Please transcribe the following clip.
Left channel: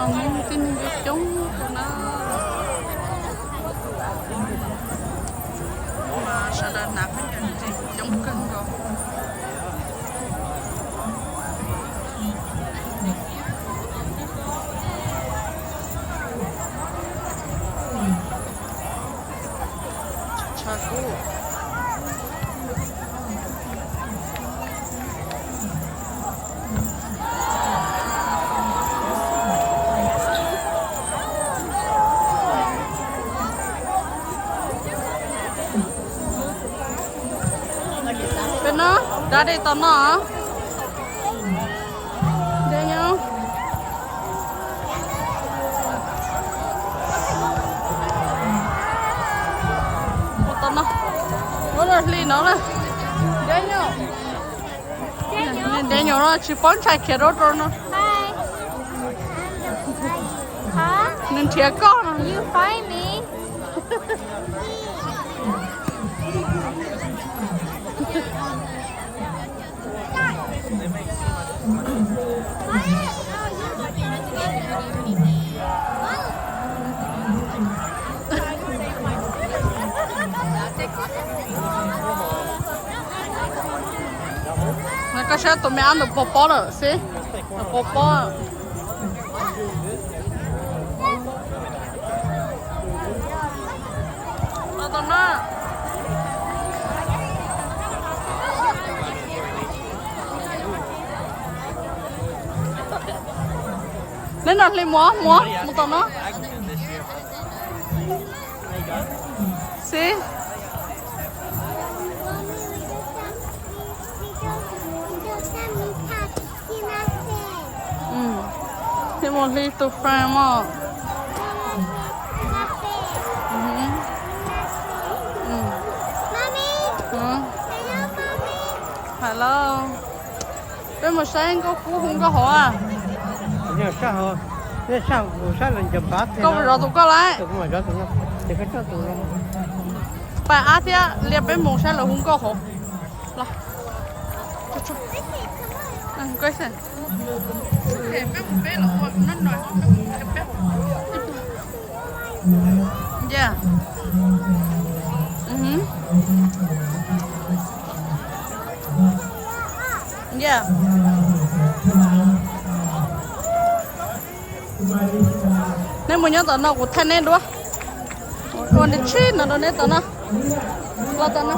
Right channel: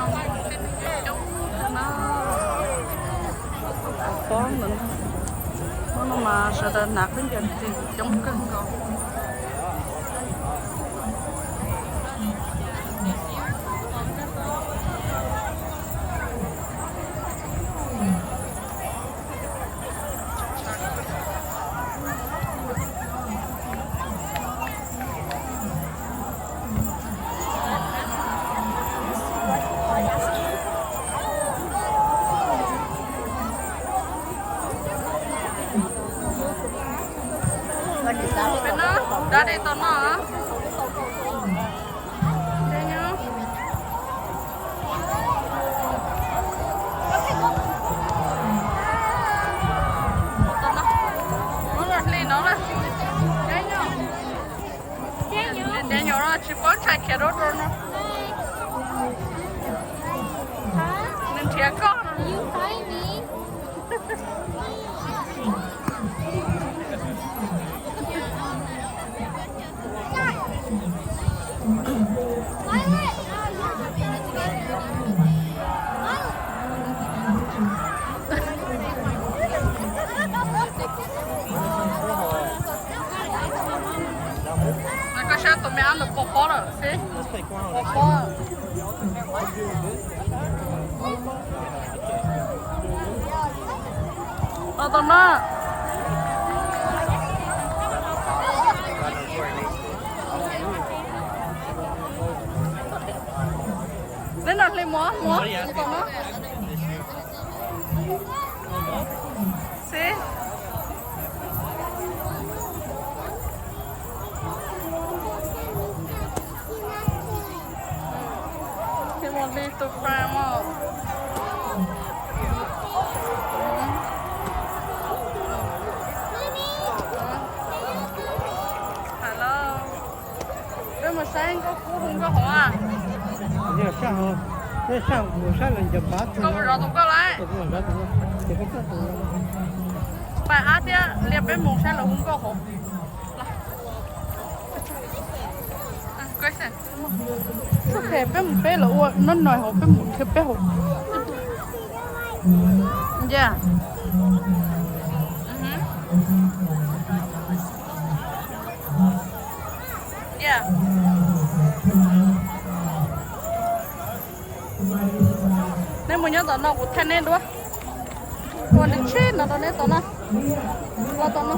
nó muốn cái chúng cho nó có mình nó mà sợ đợt nạt cái gì thì chống cưng rồi bên nó ra đây tao nó đây nhá tao nó là gì nó là đây nhá đây nhá nó chỉ bón chạy kia rồi nó hả nên chia con you find me mày có sao tụi mày ăn được bò bò rồi xí bò bò tao nó nên là li múa tao nó xí thì một ly từ phai mà hello cái một sáng có phú không có họ à nhớ sao hả thế sao buổi sáng là chụp bát thế con rồi tụi con lại tụi con rồi tụi con thì cái cho tụi con bà á thì liệp bên một sáng là không có họ là cái gì sức khỏe bên một bé là nó nói họ bên một cái bé họ yeah yeah nên mình nhớ tao nó một thân này đúng không? Còn đi chơi nó đấy tao nó tao nó